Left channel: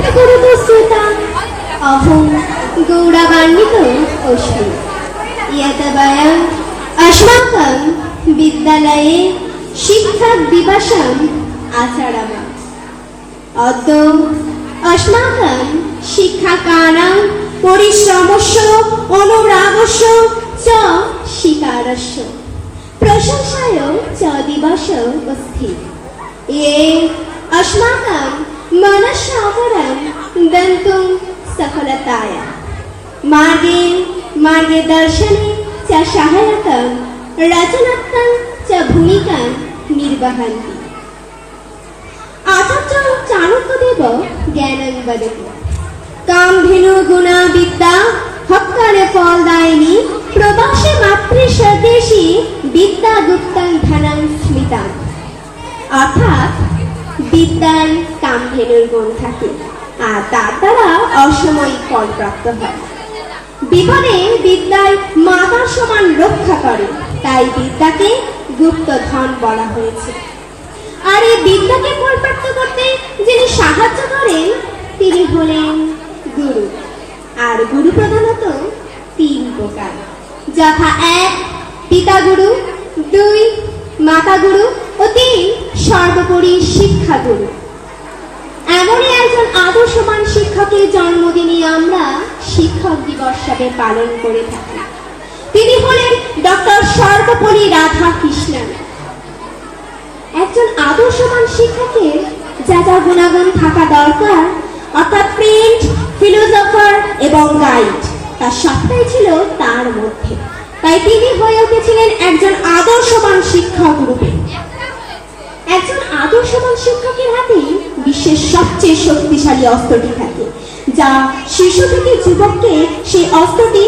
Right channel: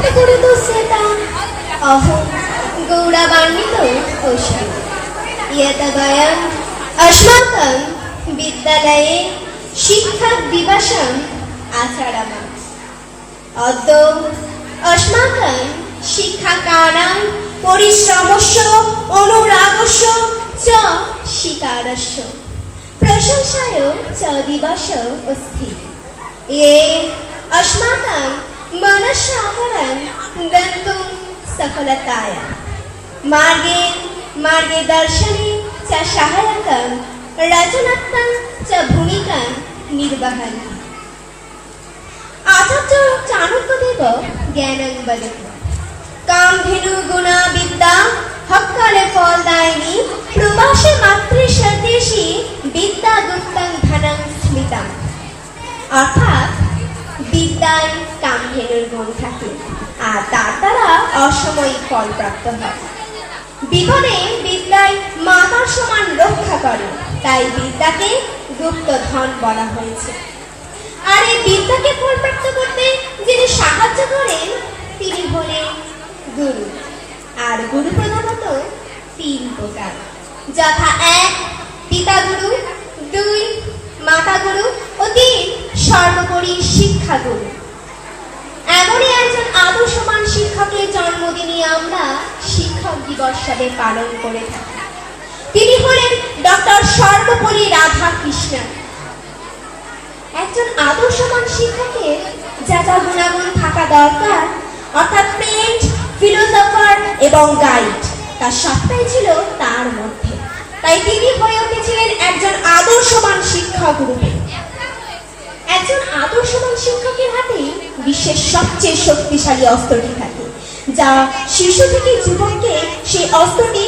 गुरुदुस्यताम् अहं गौरवान्वितो अस्मि यत् वयम् अस्माकं विद्यालये शिक्षकदिवसम् आचरामः अद्य अस्माकं शिक्षकाणां परिश्रमस्य अनुरागस्य च शिकारस्य प्रशंसाय च दिवसः अस्ति ये अस्माकं మనస అమరం దంతం సఫలతాయ మార్గే మార్గే దర్శనే చ సహాయకం రచనాత్మకం చ భূমিকা నిర్వহন্তি আচার্য চাণক্যদেব জ্ঞানং বদতি কাম ধেনু গুণা বিদ্যা হক্কারে ফলদায়িনী প্রবাসে মাতৃ স্বদেশী বিদ্যা গুপ্তং ধনং স্মৃতা অর্থাৎ বিদ্যায় কামধেনুর গুণ থাকে। আর তার দ্বারা অসময়িক ফল প্রাপ্ত হয়। বিপদে বিদ্যায় মাতার সমান রক্ষা করে, তাই বিদ্যাকে গুপ্ত ধন বলা হয়েছে। আর এই বিদ্যাকে ফলপ্রাপ্ত করতে যিনি সাহায্য করেন, তিনি হলেন গুরু। আর গুরু প্রধানত তিন প্রকার। যথা এক পিতা গুরু দুই মাতা গুরু ও তিন, সর্বোপরি এমনই একজন শিক্ষকের আমরা শিক্ষক দিবস পালন করে থাকি। তিনি হলেন ডক্টর সর্বোপরি রাধা কৃষ্ণন একজন আদর্শবান শিক্ষকের যা যা গুণাগুণ থাকা দরকার, অর্থাৎ প্রিন্ট ফিলোজফার এবং গাইড তার সবটাই ছিল তার মধ্যে। তাই তিনি হয়ে উঠেছিলেন একজন আদর্শবান শিক্ষক রূপে। শিক্ষকের হাতেই বিশ্বের সবচেয়ে শক্তিশালী অস্ত্রটি থাকে, যা শিশু থেকে যুবককে সেই অস্ত্রটি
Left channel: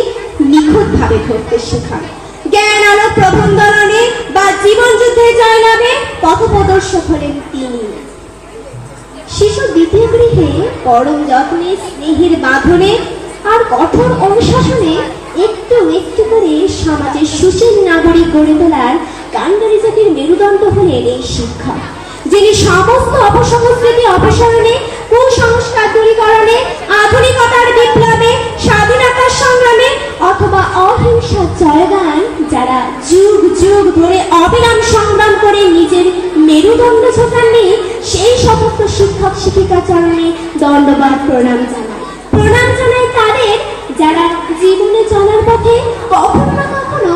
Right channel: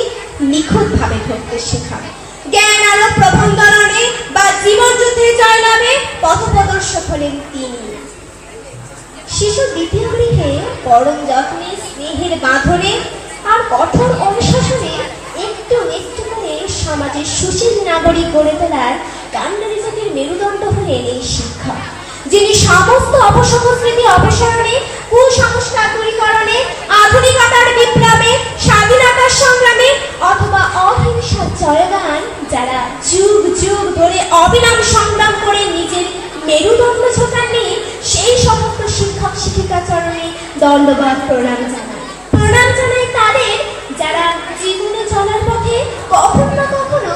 নিখুঁতভাবে ধরতে শেখায়। জ্ঞান আলো প্রবন্ধনে বা জীবন যুদ্ধে জয়লাভে পথপ্রদর্শক হলেন তিনি। শিশু দ্বিতীয় গৃহে পরম যত্নে, স্নেহের বাঁধনে আর কঠোর অনুশাসনে একটু একটু করে সমাজের সুশীল নাগরিক গড়ে তোলার কাণ্ডারি জাতির মেরুদণ্ড হলেন এই শিক্ষা যিনি সমস্ত অপসংস্কৃতি অপসারণে, কুসংস্কার দূরীকরণে, আধুনিকতার বিপ্লবে স্বাধীনতার সংগ্রামে অথবা অহিংসার জয়গান যারা যুগ যুগ ধরে অবিরাম সংগ্রাম করে নিজের মেরুদণ্ড ঝোঁকাননি, সেই সমস্ত শিক্ষক শিক্ষিকা চরণে দণ্ডবাদ প্রণাম জানাই। প্রণাম জানাই তাদের যারা জীবনে চলার পথে কখনো না কখনো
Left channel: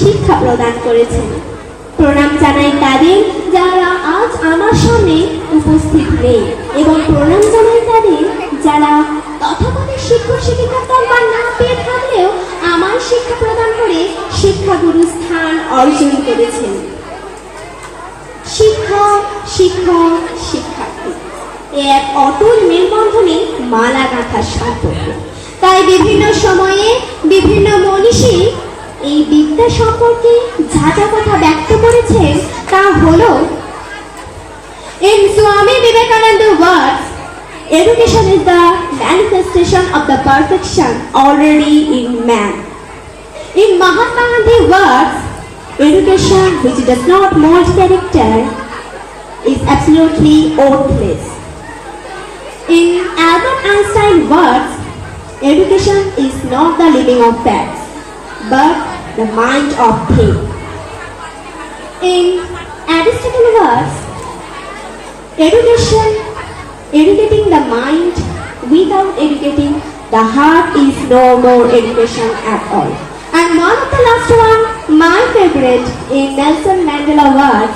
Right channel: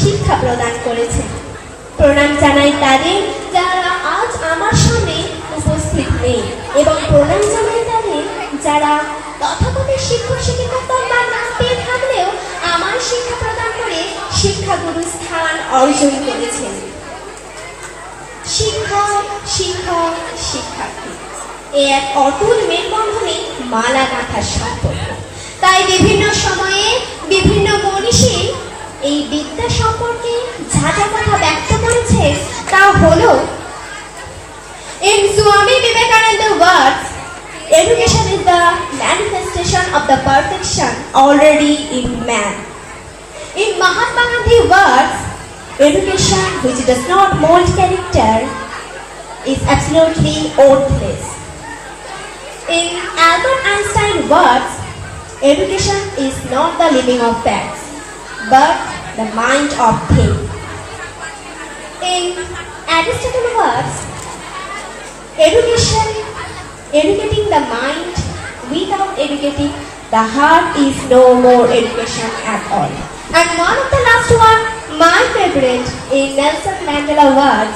শিক্ষা প্রদান করেছেন। প্রণাম জানাই তাদের আমার সামনে উপস্থিত নেই এবং প্রণাম জানাই তাদের যারা তথাকথিত শিক্ষক, শিক্ষিকার দরবার না পেয়ে থাকলেও আমার শিক্ষা প্রদান করে শিক্ষাগুরু স্থান অর্জন করেছেন। শিক্ষা শিক্ষা শিক্ষার্থী। এ এক অটল মেলবন্ধনে মালা গাঁথার সম্পর্ক তাই বিভিন্ন সময়ে বিভিন্ন মনীষী এই বিদ্যা সম্পর্কে যা যা কথা ব্যক্ত করেছেন, তা হলো In Swami Vivekananda's words, education is the manifestation of the perfection already in man. In Mahatma Gandhi's words, education which does not mold character is absolutely worthless. In Albert Einstein's words, education is not the living of facts, but the mind of things. In Aristotle's words, education, educating the mind without educating the heart is no more education at all. And one of the last one, my favorite, in Nelson Mandela words,